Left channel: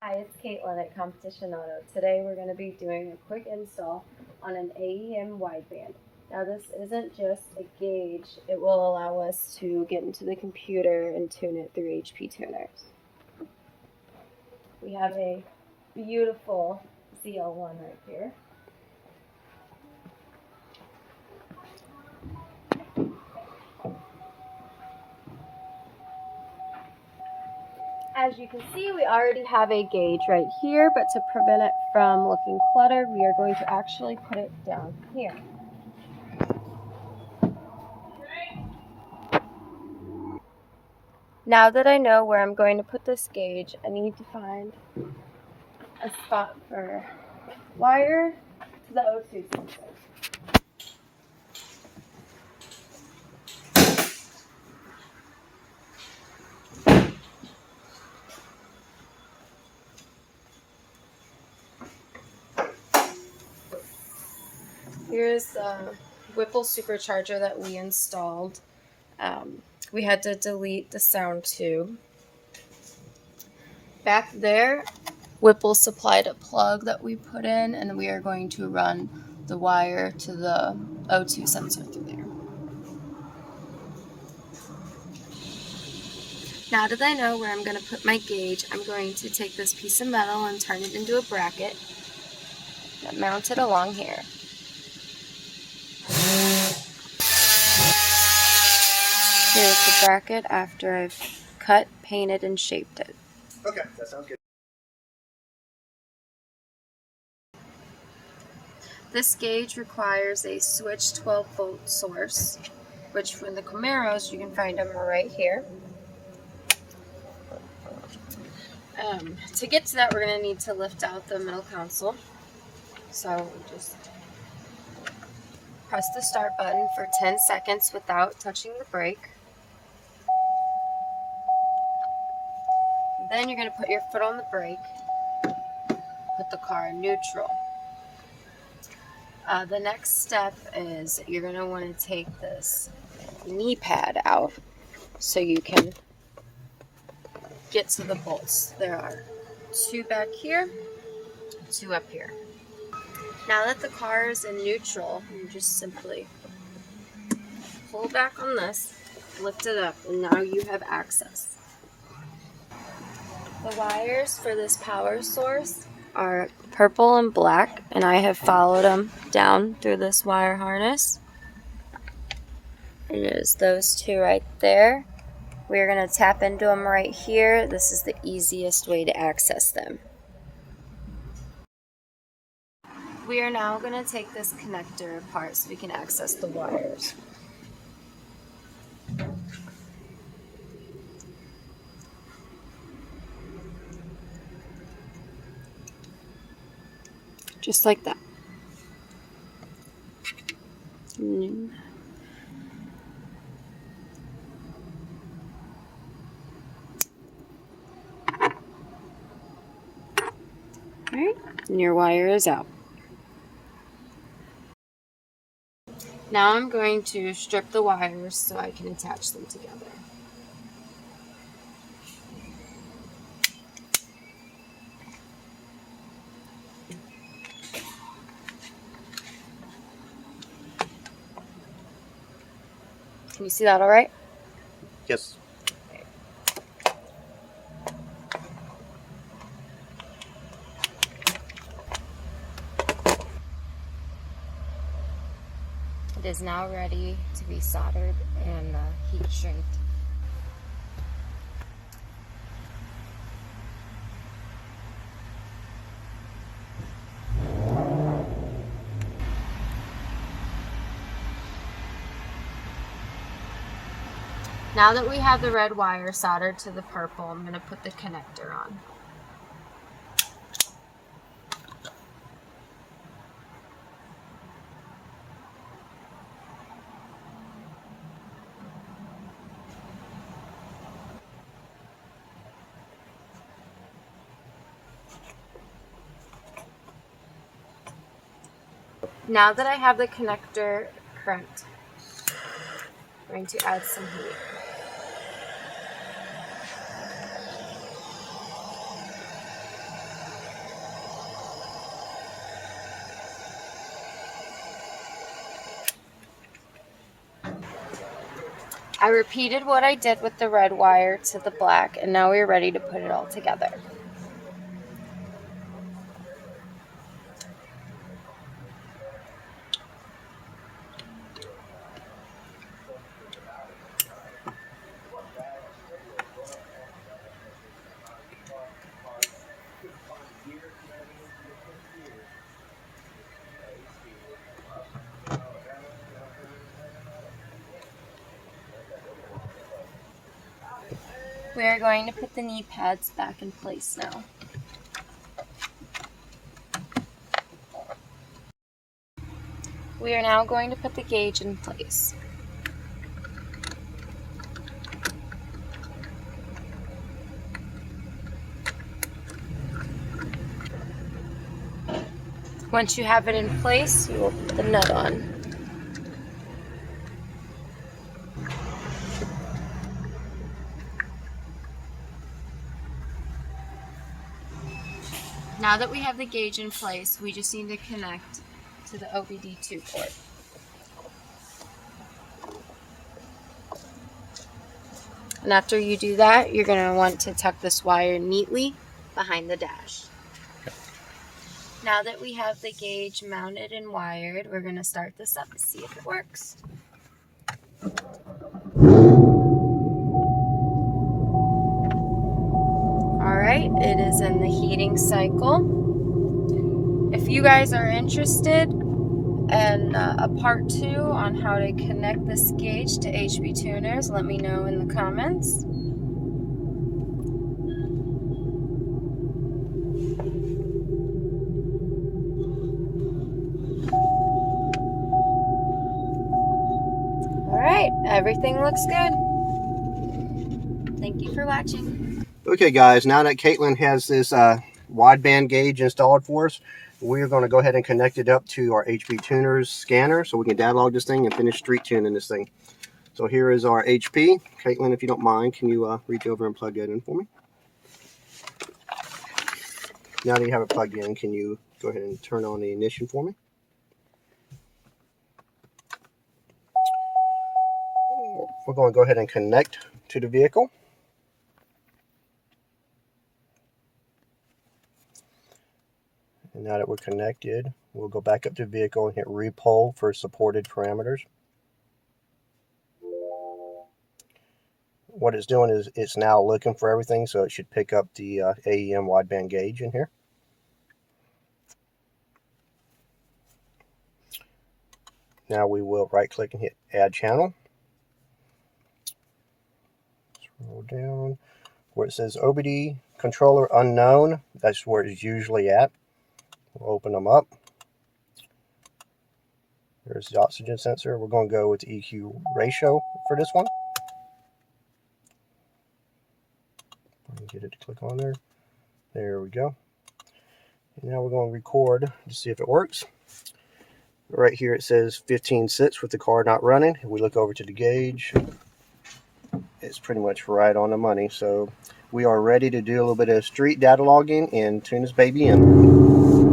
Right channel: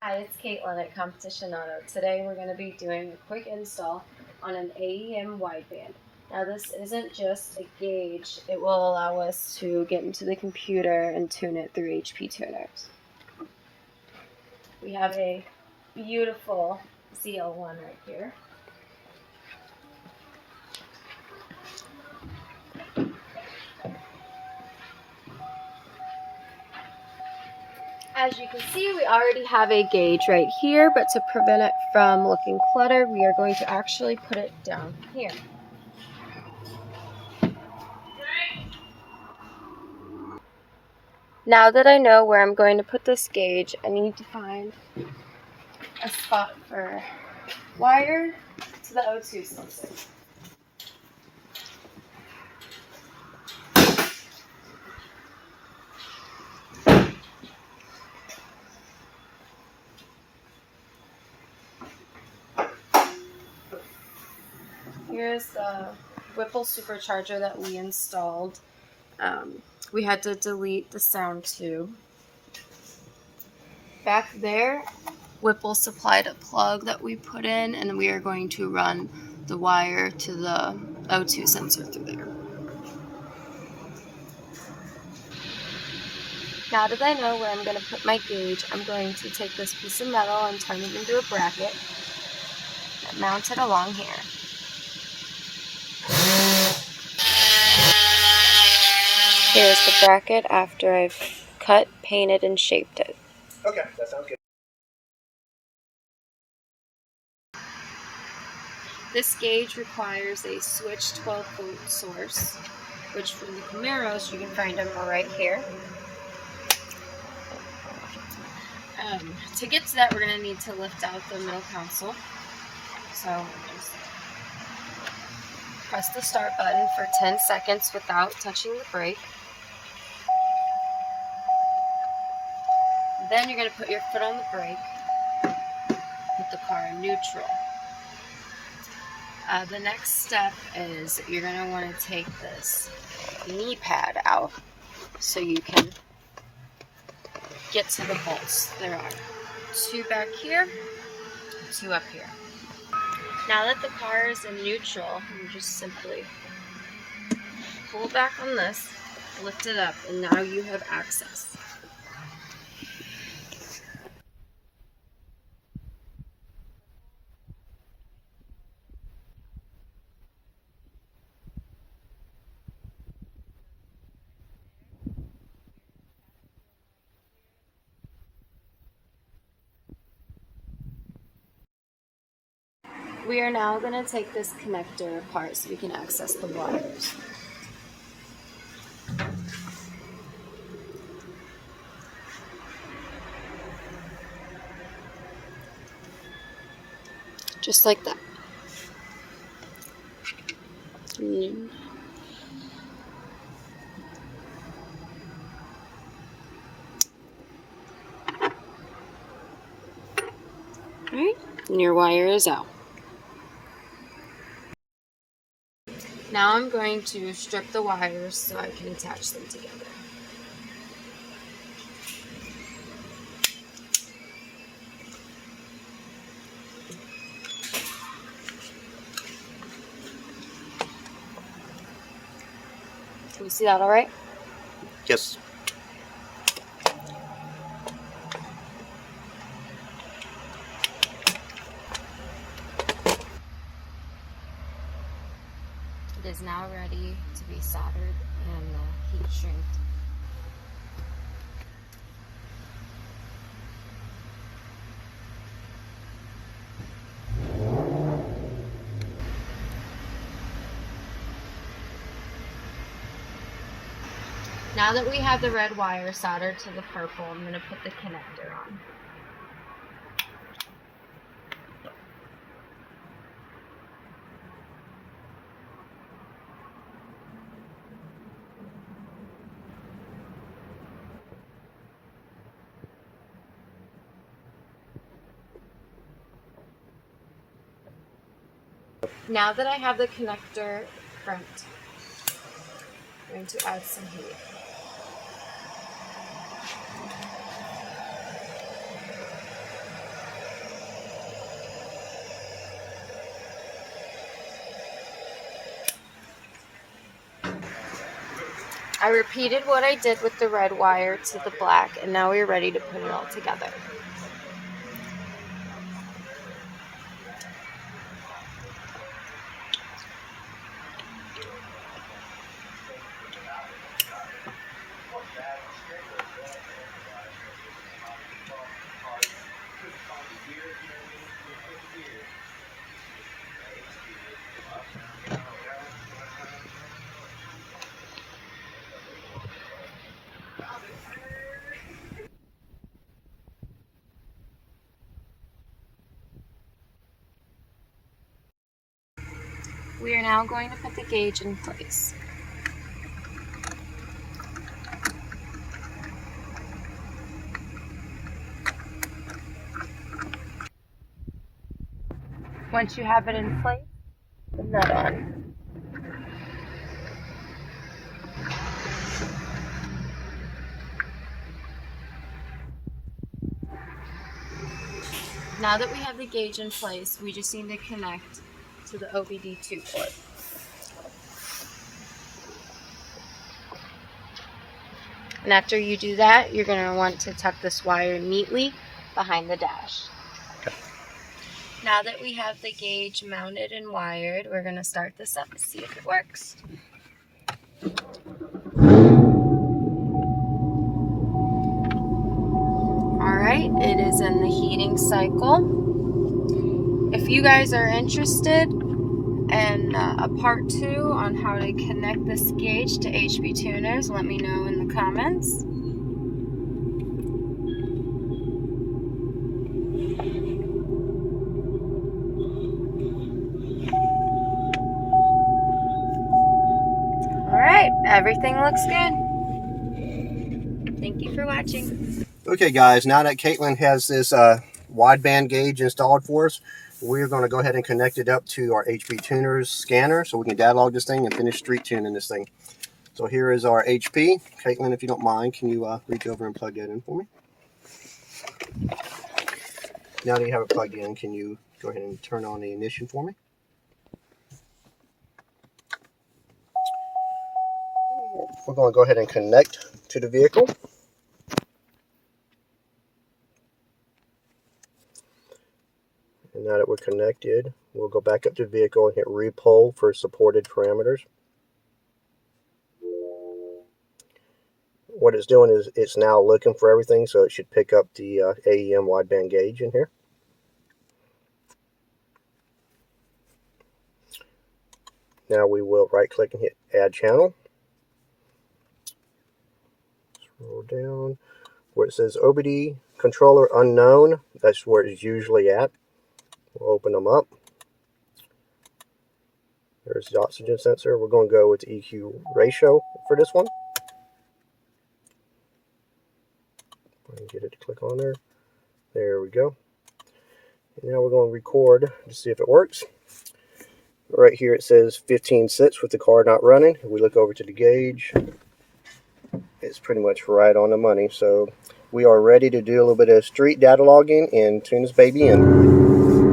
Hi, it's Caitlin at Competition Auto. Today we're going to be doing a quick install on an AEM wideband. Now this isn't just a gauge, it will allow us to get into the computer and tune it through HP tuners. We have a beautiful ZL1 right here. As you can see, we already have a gauge right here, but to prevent it from looking cluttered, we are going to actually put it down here. Now that I know where I'm going to put this gauge, I need to find a spot for wire to the O2 sensor. Here's the Whipple supercharger that we installed. We had to delete the sound tube. Back there, Whipple supplied a plug that we put in, and we are going to run the wire to the O2 sensor through there. Now that I know where I'm going to put my gauge, I'm going to take this piece of metal and turn it into a bracket that mounts it along here. Here's the bracket after I've cut, painted, and shaped it. Okay, that sounds good. This gauge requires a switched 12-volt source, which for the Camaros you can find them right here. To get to that, we're going to need to lift out the middle console. So just press the start button for 10 seconds without touching the brake. Then you're going to put your foot on the brake, put the car in neutral. The next step is you're going to want to take this knee pad out so you can get to the bolts. There are two back here, two up here. Now that the car is in neutral, you just simply pull back on this, lift it up, and now you have access. The wires for this power source are purple and black, and I have followed them down through this wire harness. And it is those two right there. We're going to tap into them right here. This is the easiest way to access them. We are now going to take this connector apart so we can access the wires. Just like that. Alright, and your wire is out. Now I'm going to strip the wires so I can attach them together. Can you see that all right? Yes. It is now ready to be soldered and heat shrink. Now that we have the red wire soldered to the purple, I'm going to put the connector on. Now that I have the connector crimped, I'm going to add some heat. I repeated what I did with the red wire to the black, and now we're ready to put it all together. We are going to put the knee pads back in place now. We are now going to put the gauge in place. Once you have it in place, you will put the nut on. Now that we have the gauge in place, we just need to connect to the OBD2 port. And after you do that, you're going to want to tuck this wire neatly behind the dash. Okay. Now that we have the gauge mounted and wired, we're going to start this up and see if it works. Alright, it is in the heating cycle. If you guys are interested in a part 2 on how to connect this gauge to HB tuners, let me know in the comments. Alright, everything looks good. Thank you for watching. Okay, guys, now that Caitlin has this wideband gauge installed for us, we're going to go ahead and connect it up to our HP Tuners scanner so we can data log this thing and finish street tuning this thing. So here is our HP. Caitlin, if you don't mind, can you reach over and plug that in for me? Now that you have it plugged in, can you go ahead and turn on the ignition for me? We're going to go ahead and connect to the vehicle. And now that we're connected, we'll go back up to the vehicle and hit repoll for supported parameters. What it's doing is it's now looking for everything, so it should pick up the AEM wideband gauge in here. Now we will right click and hit add channel. Scroll down where it says OBD controller unknown. That's where it's usually at. We'll open them up. There's the oxygen sensor. We're going to go with the EQ ratio for this one. Get it to click on there. There we go. And now we're going to record to see if it works. Right here it says 15 sits with the car not running. If we look over to the gauge, it's pretty much right on the money. So we are ready to do a little bit of street data logging and tune this baby in.